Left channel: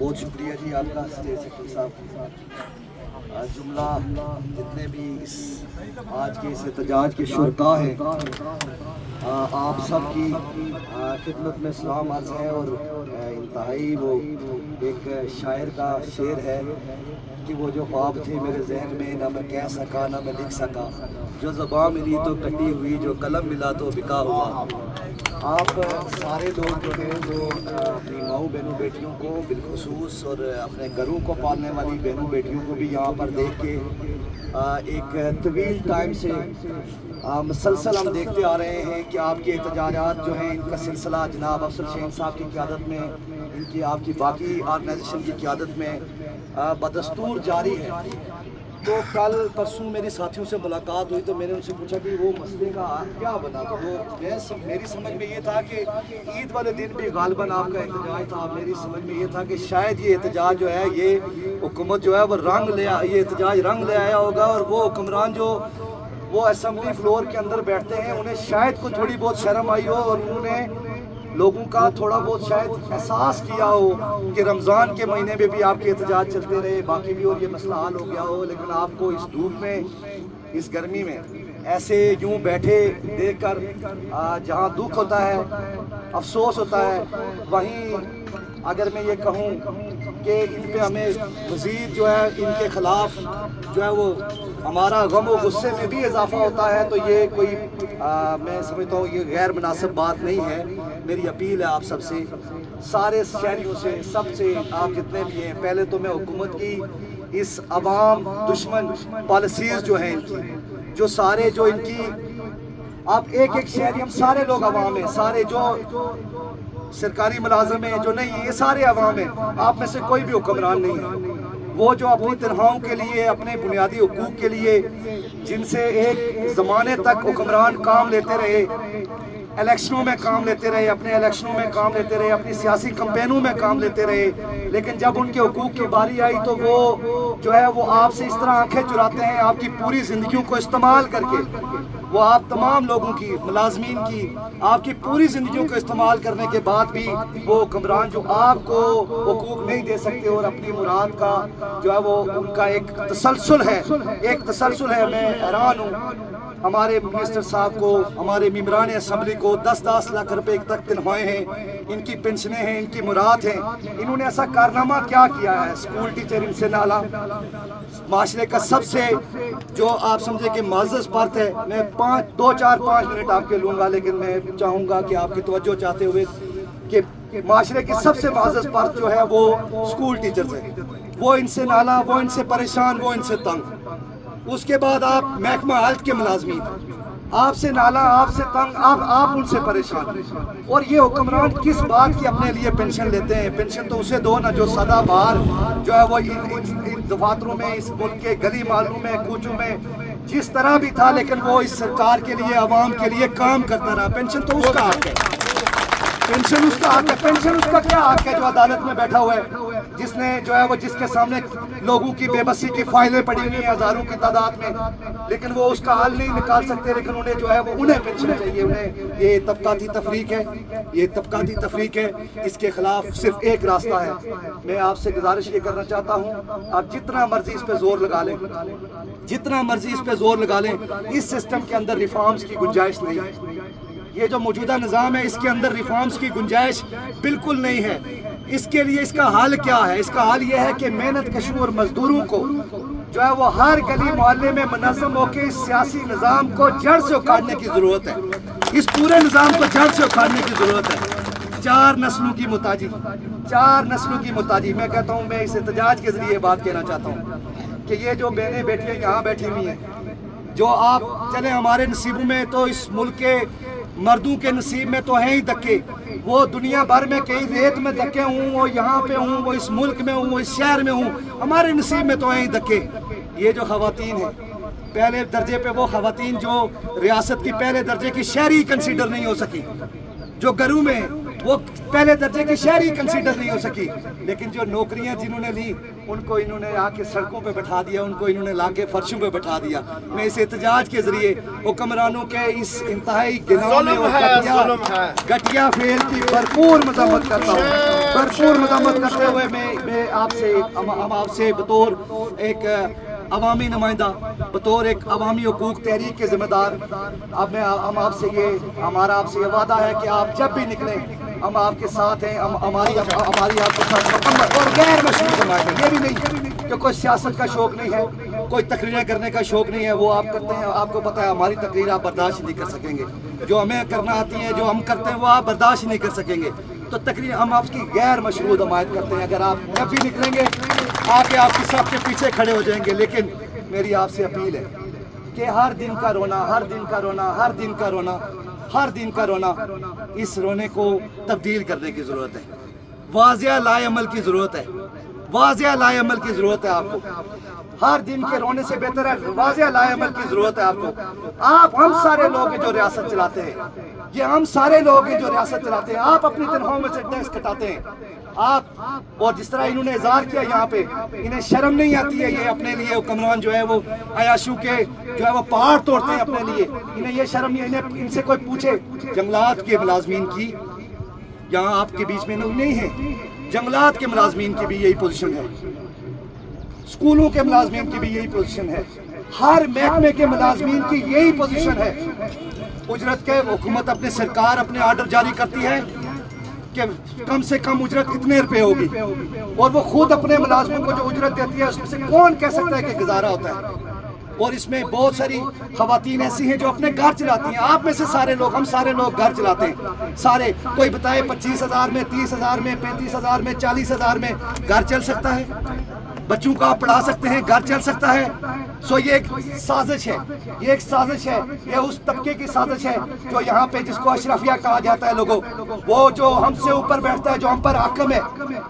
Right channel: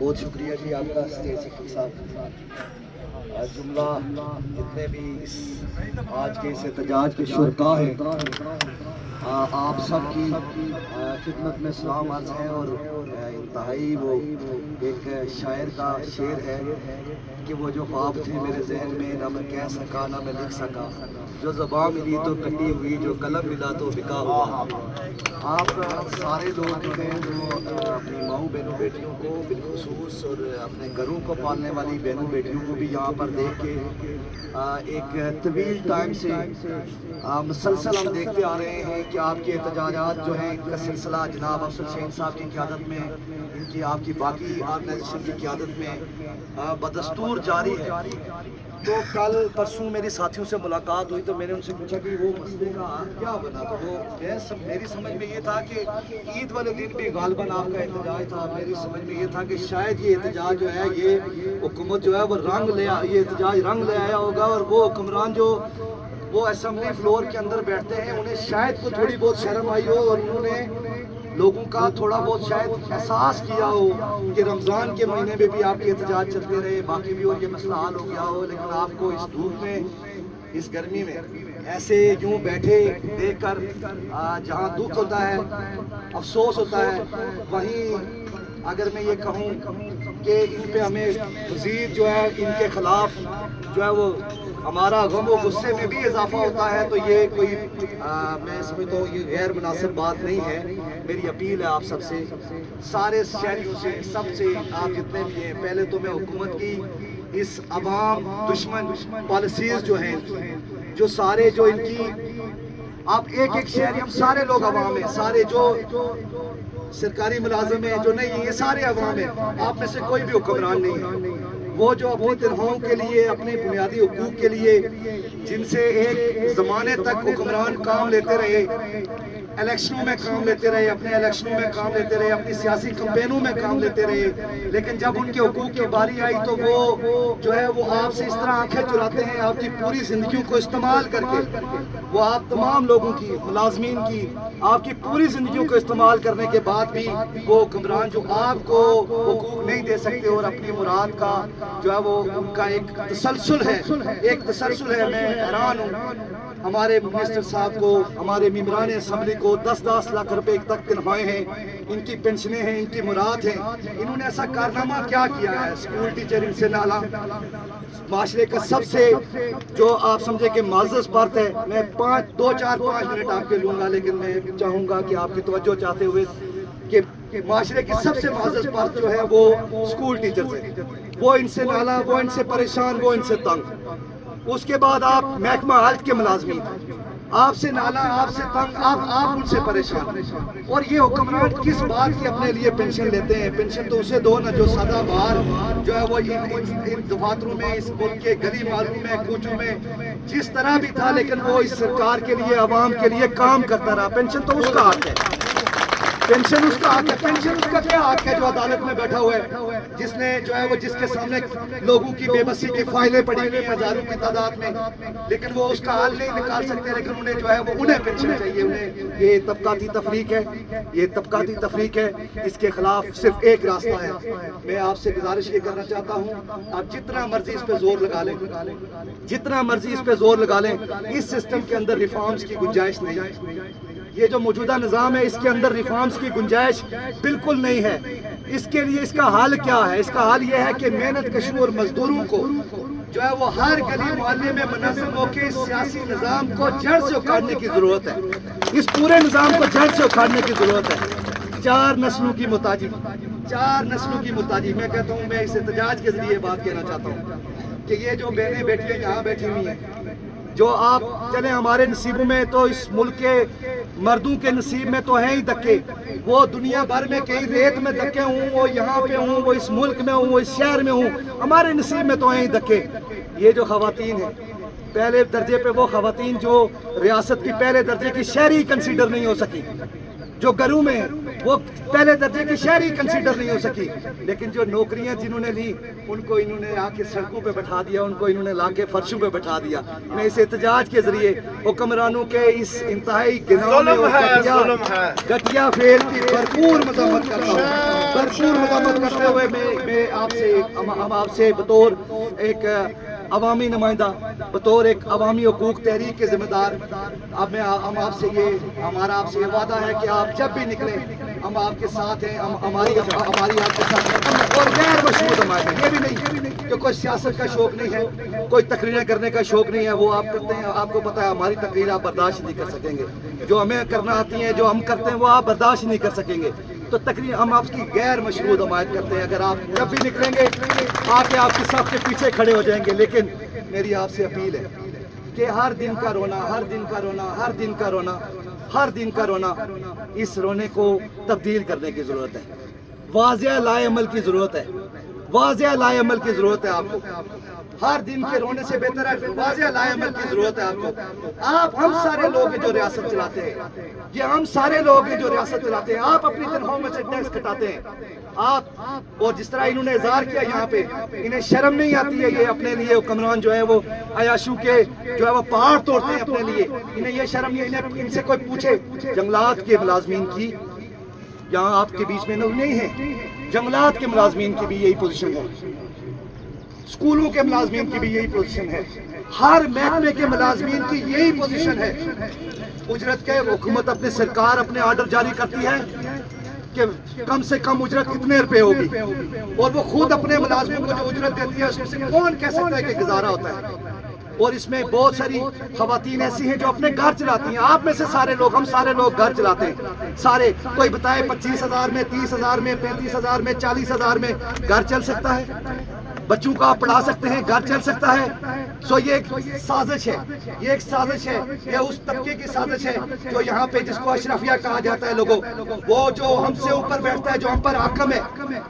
بہت شکریہ جی آپ کا اسٹیج سیکرٹری صاحب. جملہ جتنے بھی اس آج کے اس احتجاج کے شرکا ہیں آپ سب کی خدمت میں سلام عرض ہے. اور انتہائی وہ ایک شاعر کا شعر ہے کہ وہ جو خواب تھے میرے ذہن میں نہ میں کہہ سکا نہ میں لکھ سکا, جو زباں ملی تو کٹی ہوئی, جو قلم ملا تو بکا ہوا. آپ سارے لوگ جو ہیں جو اپنی ماؤں بہنوں بیٹیوں کو بالخصوص اور اپنے گھروں کو پالنے والی بہنوں بیٹیوں کو بھی یہاں پر دیکھ کے ایک طویل ٹائم سے مسلسل ہم دیکھتے آ رہے ہیں کہ آپ کے احتجاجات جو ہیں ان کا سلسلہ جناب افضل شہین صاحب کی قیادت میں, ان کی آپ کی باقی آرگنائزیشن کی قیادت میں بدستور جاری ہے. تو کل پرسوں میری ساتھیوں سے ملاقات ہوئی تو میں نے ان سے پوچھا کہ وہ مسئلے کا کیا بنا. تو وہ میری سمجھ میں یہ تھا کہ عید والے دن بھی غالباً آپ کا احتجاج تھا. میری سمجھ میں یہ تھا کہ شاید یہ احتجاج جو ہے یہ حکومت جو ہے وہ یہ احتجاج رنگ لے آیا ہوگا, اور وہ حکمران جو وہ اسمبلی فلور کے اندر بیٹھتے ہیں انہیں شاید کوئی تھوڑی بہت شرم آئی ہو, اور انہوں نے لوگوں کا تھوڑا بہت شاید احساس کیا ہو کہ رمضان کے مہینے میں بھی آپ کے احتجاج چلتے رہے, باقی بھی اور یہ مسئلہ حل ہو گیا ہو, لیکن آپ کو اس دھوپ میں اس گرمی میں ایسے یوں بیٹھے دیکھ کر جہاں دکھ ہوتا ہے افسوس ہوتا ہے, وہیں اگر میں یہ کہوں کہ ان پہ ہمیں مزید جو ہے ان کے خلاف جو ہے وہ ہمارا غم و غصے میں بھی اضافہ ہوتا ہے, تو یہ کوئی میں سمجھتا ہوں یہ غیر مناسب بات نہیں ہے. میری اپیل ہے آپ سب سے, سارے شہریوں سے, سب سے, آپ جتنے بھی ہیں, پہلے تو میں حکومت کی اس عوام دشمن پالیسیز جو ہیں جو سارے جو ان کی آپ ایک ایک شہری, ہم سارے لوگ عوام ہیں, سارے جو سرکاری ملازم ہیں جو نہیں ہیں, یہ سارے عوام ہیں, آپ میں سے کوئی بھی حکمران نہیں ہے. وہ جو اپنی تنخواہوں کے لیے, اپنے بنیادی حقوق کے لیے جن سے ایک زمانے تک حکمران کام لیتے رہے, الیکشنوں میں کام لیتے رہے, اپنے الیکشنوں میں کام لیتے رہے, اپنی سیاسی کمپینوں میں کام لیتے رہے, لیکن جب ان کے حقوق کی باری آئی تو وہ جو ہے وہ آپ سے اس طرح آنکھیں چراتے ہیں, آپ کی پوری زندگیوں کو استعمال کر کے وہ آپ تمام لوگوں کی, ملازمین کی, آپ کی پوری زندگیوں کو استعمال کرنے کے بعد بھی وہ حکمران جو آپ کو حقوق نہیں دے سکتے اور اپنی مراد کا جو ہے وہ ان کا ایک تسلسل ہے, میں حیران ہوں. ہمارے منسٹر صاحب کو, ہمارے ممبران اسمبلی کو 10-10 لاکھ روپے تک تنخواہیں ہیں, ان کی پنشنیں ہیں, ان کی مراد ہیں, انہوں نے ایسا کارنامہ کیا کیا ہے؟ اسکول ٹیچر ان سے نالا, معاشرے کا سب سے جو آپ سمجھے کہ معزز فرد ہے. میں 5 منٹ آپ کے لوں گا, لیکن میں چاہوں گا کہ آپ کی توجہ چاہتے ہوئے کہ معاشرے کی سب سے معزز فرد جو ہے وہ اسکول ٹیچرز ہیں. وہ ان سے نالا, وہ ان سے پریشان, وہ ان سے تنگ. اس کے بعد آپ محکمہ ہیلتھ کے ملازمین, آپ سے نالا, آپ سے تنگ, آپ ان سے پریشان. اور یہ حکمران کس بات کی اپنے لیے پینشن لیتے ہیں؟ پینشن تو اسے دو نا جو سدا بہار جو ہے وہ ان دفاتروں میں, اس ملک کے گلی محلوں میں, کوچوں میں جس طرح بھی تھا, لیکن وہ اس سرکار کے لیے, عوام کے لیے کام کرتا رہا. پینشن تو اس کا حق ہے, پینشن اس کا حق ہے. پینشن اس کا کیا حق ہے جو عدالت میں بیٹھا ہوا ہے, جس نے جو ہے وہ جس کے سامنے لوگوں کی بے بسی کی فائلیں پڑی ہوئی ہیں ہزاروں کی تعداد میں, لیکن وہ اس کا حل نہیں نکال سکتے, لیکن انہیں جو ہے وہ انہیں پینشن چاہیے. انہیں یہ طبقاتی تفریق ہے, یہ طبقاتی تفریق ہے, اس کے خلاف صرف ایک راستہ ہے. میں آپ سے گزارش یہ کرنا چاہتا ہوں, آپ جتنا مرضی اس پہ زور لگا لیں, جتنا مرضی اس پہ زور لگا لیں, اس سسٹم کے اندر ریفارمز کی گنجائش نہیں ہے. یہ جو موجودہ نظام ہے اس کے اندر ریفارمز کی گنجائش بالکل نہیں ہے. اس کے لیے اس کا حل کیا ہے؟ اس کا حل یہ ہے کہ محنت کشوں اور مزدوروں کو جو ہے وہ ہر گلی محلے میں منظم ہو کے اس سیاسی نظام کو جڑ سے اکھاڑنے کی ضرورت ہے. اس پورے نظام کو جڑ سے اکھاڑنے کی ضرورت ہے. 4 نسلوں کی محتاجی, 4 نسلوں کی محتاجی. میں کہتا ہوں, میں اس احتجاج کے ذریعے بات کہنا چاہتا ہوں کہ یہ جو بہنیں بیٹیاں یہاں بیٹھی ہوئی ہیں, جو آپ چلیں ہمارے نصیبوں میں تو اس ملک کے مردوں کے نصیب میں تو ہیں ہی دھکے, وہ دنیا بھر میں کئی ریت میں دھکے ہوں, وہ یہاں پہ ہوں, وہ اس ملک میں ہوں, وہ اس شہر میں ہوں, ہمارے نصیب میں تو ہیں ہی دھکے. یہ جو خواتین ہیں پہلے درجے پہ, وہ خواتین جو ریاست کی پہلے درجے کی شہری کنسیڈر نہیں ہو سکی, جو گھروں میں وہ پہلے درجے کی شہری کنسیڈر نہیں ہو سکی، لیکن جو نوکریاں جنہوں نے لی ان کو انہوں نے آ کے سڑکوں پہ بٹھا دیا، ان کو انہوں نے لا کے فرشوں پہ بٹھا دیا۔ میں اس احتجاج کے ذریعے حکمرانوں کے اس انتہائی گنانے اور گٹیا فعل کی بھرپور مذمت کرتا ہوں، بھرپور مذمت کرتے ہوئے میں آپ سے بطور ایک عوامی نمائندہ، بطور ایک عوامی حقوق تحریک کے ذمہ دار، ہم آپ سے ہمارا آپ سے یہ وعدہ ہے کہ آپ جب بھی نکلیں ہم آپ کے ساتھ ہیں، ہماری آپ کے ساتھ اور غیر مشروط حمایت ہے۔ یہ بھی نہیں کہ کوئی سیاست کا شوق نہیں ہے، کوئی تقریریں کرنے کا شوق نہیں ہے، وہ آپ کرتے ہیں، آپ کو پتہ ہے ہماری تقریر آپ برداشت نہیں کر سکیں گے، جو ہمیں کرنا آتی ہیں، جو ہم کرتے ہیں وہ آپ برداشت نہیں کر سکیں گے، تو تقریر ہم آپ کی غیر مشروط حمایت کرتے ہیں۔ اگر آپ جب بھی نکلیں گے آپ کے ساتھ کے پیچھے کھڑے ہو جائیں گے، لیکن میری آپ سے اپیل ہے کہ ہر دن کا رونا اس رونے کو تبدیل کرنے کی ضرورت ہے، واضح لائے عمل کی ضرورت ہے آپ کو۔ ہر دن کے رونے سے بہتر ہے واضح لائے عمل کی ضرورت ہے آپ کو۔ ہم سارے لوگ ہیں جو ریاست چلاتے ہیں، آپ اپنی تنخواہوں میں سے ٹیکس کٹاتے ہیں، آپ اور جس طرح انہوں نے اظہار کیا یہاں پہ، انہیں شرم نہیں آتی ہے، یہ اپنے لیے حکمران جو ہے وہ عیاشوں کے جو ہے وہ پہاڑ توڑتے ہیں اپنے لیے، انہیں یہ شرم نہیں، ان سے کوئی پوچھے جنگلات کے ملازمین کی یہاں آپ کے بیچ میں نہیں ہے، جنگلات کے ملازمین کی بھی یہی پوزیشن ہے، اسکولوں کے ملازمین کی بھی یہی پوزیشن ہے، ہر محکمے کے ملازمین کی یہی پوزیشن ہے۔ اجرت کے حکومت سرکار اپنے آرڈر جاری کرتی ہے کہ کم سے کم اجرت اتنے روپے ہوگی، اور وہ خود اپنے ملازموں کو جو اجرت دیتی ہے اس میں سے کون کہہ سکتا ہے کہ گزارا ہوتا ہے؟ اور اس میں بہت ساری خواتین ایسی ہیں جو اپنے گھر چلاتی ہیں، آپ میں سے ہم سارے لوگ گھر چلاتے ہیں، سارے کوئی بتائے 25,000 میں 30,000 میں 35,000 میں 40,000 میں گھر چل سکتا ہے؟ بچوں کو آپ پڑھا سکتے ہیں، گھر چل سکتا ہے؟ یہ ایک سازش ہے، یہ اس طبقے کی سازش ہے جو یہاں پہ جس کو اشرفیہ کہا جاتا ہے لوگوں، وہ جو ہم سے اوپر بیٹھتا ہے، جو ہم پر حاکم ہے،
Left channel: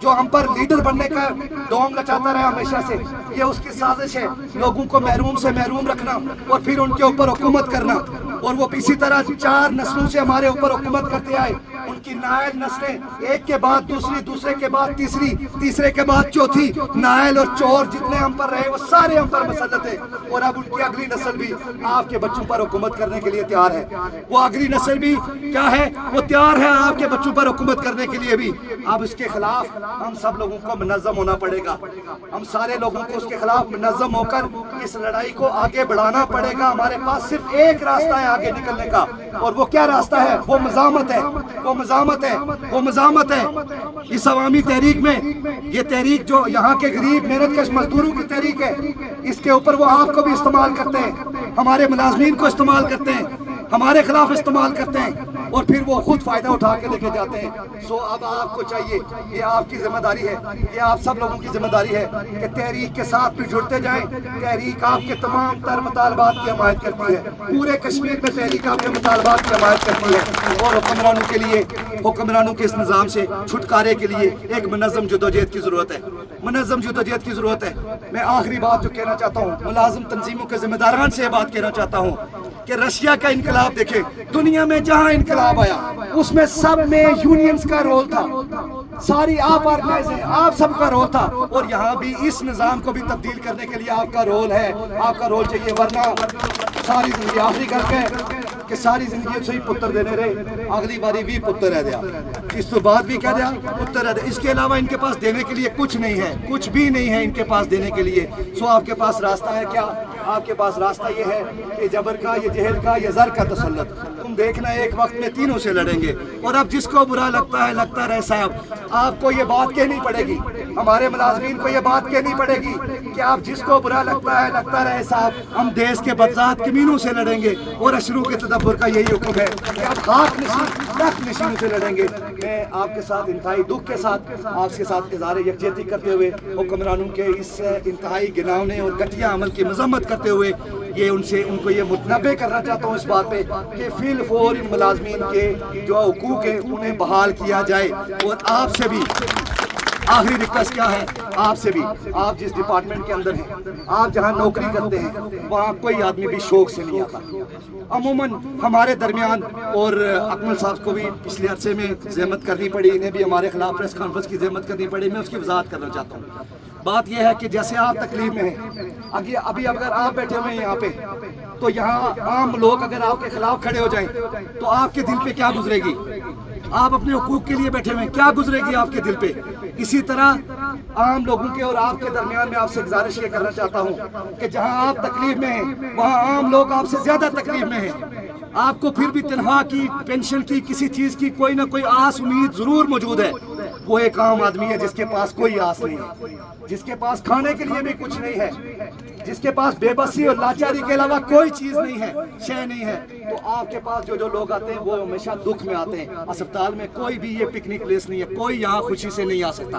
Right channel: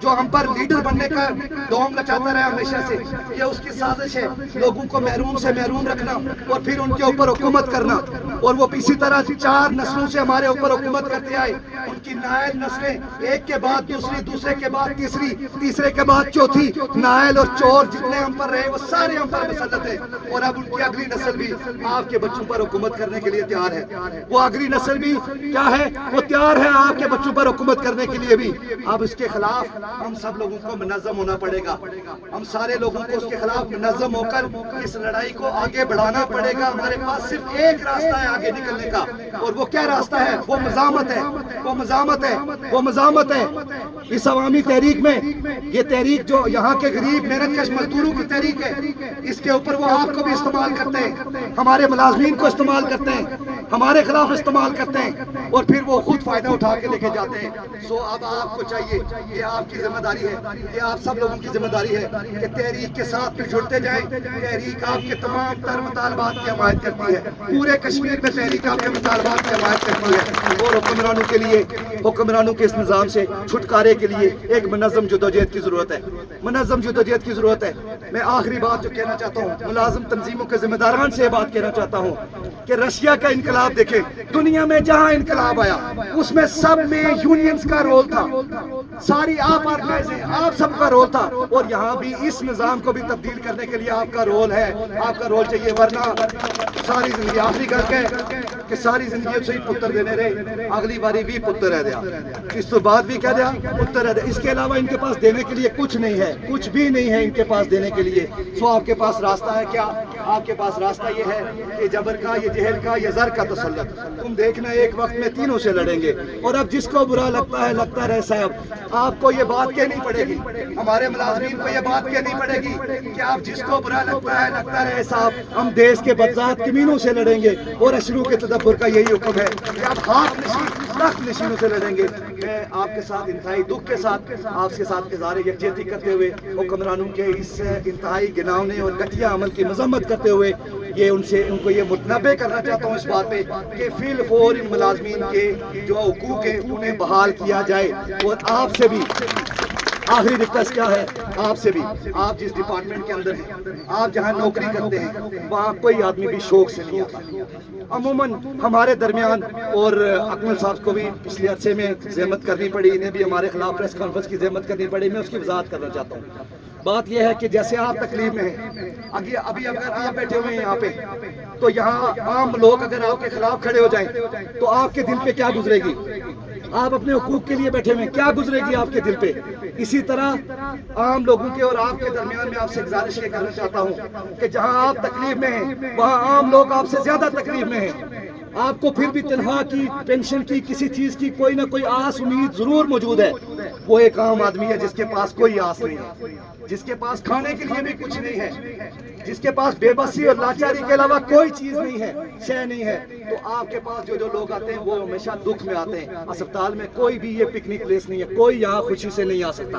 جو ہم پر لیڈر بننے کا ڈونگ لچاتا رہا ہمیشہ سے، یہ اس کی سازش ہے، لوگوں کو محروم سے محروم رکھنا اور پھر ان کے اوپر حکومت کرنا، اور وہ اسی طرح 4 نسلوں سے ہمارے اوپر حکومت کرتے آئے، ان کی نائل نسلیں ایک کے بعد دوسری، دوسرے کے بعد تیسری، تیسرے کے بعد چوتھی، نائل اور چور جتنے ہم پر رہے وہ سارے ہم پر مسلط ہیں، اور اب ان کی اگلی نسل بھی آپ کے بچوں پر حکومت کرنے کے لیے تیار ہے، وہ اگلی نسل بھی کیا ہے، وہ تیار ہے آپ کے بچوں پر حکومت کرنے کے لیے بھی۔ اب اس کے خلاف ہم سب لوگوں کو منظم ہونا پڑے گا، ہم سارے لوگوں کو اس کے خلاف منظم ہو کر اس لڑائی کو آگے بڑھانا پڑے گا۔ ہمارے پاس صرف ایک راستہ ہے آگے نکلنے کا، اور وہ کیا راستہ ہے؟ وہ مزاحمت ہے۔ اس عوامی تحریک میں، یہ تحریک جو یہاں کے غریب محنت کش مزدوروں کی تحریک ہے، اس کے اوپر وہ آپ کو بھی استعمال کرتے ہیں، ہمارے ملازمین کو استعمال کرتے ہیں، ہمارے خلاف استعمال کرتے ہیں، اور پھر وہ خود فائدہ اٹھا کے لے کے جاتے ہیں۔ اب آپ کو چاہیے، یہ آپ کی ذمہ داری ہے، یہ آپ سب لوگوں کی ذمہ داری ہے کہ تحریک کے ساتھ بھی جڑتے جائیں۔ تحریک آپ کے تمام تر مطالبات کی حمایت کرتی ہے، پورے کشمیر میں تحریک آپ کے مطالبات کی حمایت کرتی ہے، اور حکمرانوں کے اس نظام سے چھٹکارے کے لیے ایک منظم جدوجہد کی ضرورت ہے۔ میں آخری بات جو کہنا چاہتا ہوں، ملازم تنظیموں کے ذمہ داران سے یہ بات کہنا چاہتا ہوں کہ رشیا کا انقلاب دیکھیں، دنیا میں جہاں انقلاب آیا اس میں سب میں یونینز کا رول تھا، ساری آپ آرگنائز ہیں، آپ سب کا رول تھا، اور یہاں بھی اس نظام کو بھی تبدیل کرنے کے لیے آپ کا رول ہے، آپ کا رول چاہیے، ورنہ ساری زندگی آخری گل کہ ساری زندگی سے ہی پتر دینے رہے، اگلی باری بھی پتر رہ دیا، اس تو بعد بھی کیا دیا، پتر رہ دیا، اس کے علاوہ ان کے پاس دینے کے لیے کچھ نہیں ہے، کچھ بھی نہیں ہے ان کے پاس دینے کے لیے۔ آپ کے پاس راستہ ہے کیا؟ آپ کے پاس راستہ یہ ہے کہ جبر کا، یہ جہل کا، یہ زر کا تسلط، تم دیکھنا ایک وقت میں تینوں سے لڑیں گے، اور اب جس کو برا لگتا ہے لگتا رہے صاحب، آپ کو یہ بات کہنی پڑے گی، ہمارے ملازمین کو یہ بات کہنی پڑے گی کہ آپ جس کو برا لگتا ہے لگتا رہے صاحب، ہم دیش کے بدذات کمینوں سے لڑیں گے، اور اشرو کے تدبر کا یہی حکم ہے کہ آپ خاک نشینوں سے لڑیں گے۔ میں آپ کے ساتھ انتہائی دکھ کے ساتھ آپ کے ساتھ اظہار یکجہتی کرتے ہوئے حکمرانوں کے اس انتہائی گناونے اور گھٹیا عمل کی مذمت کرتے ہوئے ان کو یہ متنبہ کرنا چاہتا ہوں اس بات پہ کہ فی الفور ان ملازمین کے جو حقوق ہیں انہیں بحال کیا جائے، اور آپ سے بھی آخری ریکویسٹ کیا ہے آپ سے بھی، آپ جس ڈپارٹمنٹ کے اندر ہیں، آپ جہاں نوکری کرتے ہیں، وہاں کوئی آدمی بھی شوق سے نہیں آتا. عموماً ہمارے درمیان، اور اکمل صاحب کو بھی پچھلے عرصے میں زحمت کرنی پڑی، انہیں بھی ہمارے خلاف پریس کانفرنس کی زحمت کرنی پڑی، میں اس کی وضاحت کرنا چاہتا ہوں. بات یہ ہے کہ جیسے آپ تکلیف میں ہیں، ابھی اگر آپ بیٹھے ہوئے ہیں یہاں پہ، تو یہاں عام لوگ اگر آپ کے خلاف کھڑے ہو جائیں تو آپ کے دل پہ کیا گزرے گی؟ آپ اپنے حقوق کے لیے بیٹھے ہوئے ہیں، کیا گزرے گی آپ کے دل پہ؟ اسی طرح عام لوگوں کے اور آپ کے درمیان میں آپ سے گزارش یہ کرنا چاہتا ہوں کہ جہاں آپ تکلیف میں ہیں، وہاں عام لوگ آپ سے زیادہ تکلیف میں ہیں. آپ کو پھر بھی تنخواہ کی، پینشن کی، کسی چیز کی کوئی نہ کوئی آس امید ضرور موجود ہے. وہ ایک عام آدمی ہے جس کے پاس کوئی آس نہیں ہے، جس کے پاس کھانے کے لیے بھی کچھ نہیں ہے، جس کے پاس بے بسی اور لاچاری کے علاوہ کوئی چیز نہیں ہے، شے نہیں ہے. تو آپ کے پاس جو لوگ آتے ہیں وہ ہمیشہ دکھ میں آتے ہیں. اسپتال میں کوئی بھی یہ پکنک پلیس نہیں ہے، کوئی یہاں خوشی سے نہیں آ سکتا.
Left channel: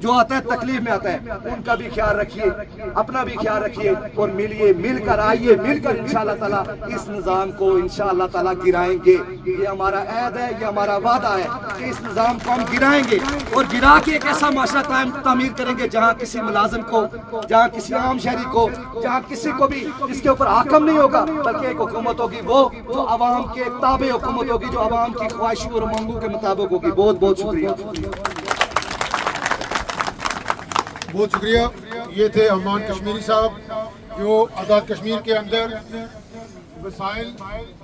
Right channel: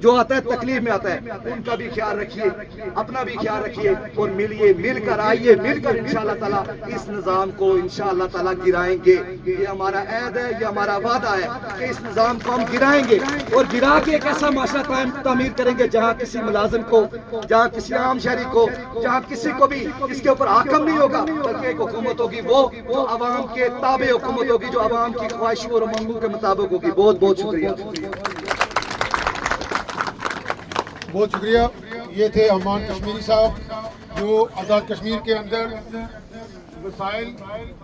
جو آتا ہے تکلیف میں آتا ہے. ان کا بھی خیال رکھیے، اپنا بھی خیال رکھیے، اور ملیے، مل کر آئیے، مل کر انشاءاللہ تعالیٰ اس نظام کو انشاءاللہ تعالیٰ گرائیں گے. یہ ہمارا عہد ہے، یہ ہمارا وعدہ ہے کہ اس نظام کو ہم گرائیں گے، اور گرا کے ایک ایسا معاشرہ تعمیر کریں گے جہاں کسی ملازم کو، جہاں کسی عام شہری کو، جہاں کسی کو بھی اس کے اوپر حاکم نہیں ہوگا، بلکہ ایک حکومت ہوگی وہ جو عوام کے تابع حکومت ہوگی، جو عوام کی خواہشوں اور امنگوں کے مطابق ہوگی. بہت بہت شکریہ. بہت شکریہ. یہ تھے امان کشمیری صاحب جو آزاد کشمیر کے اندر وسائل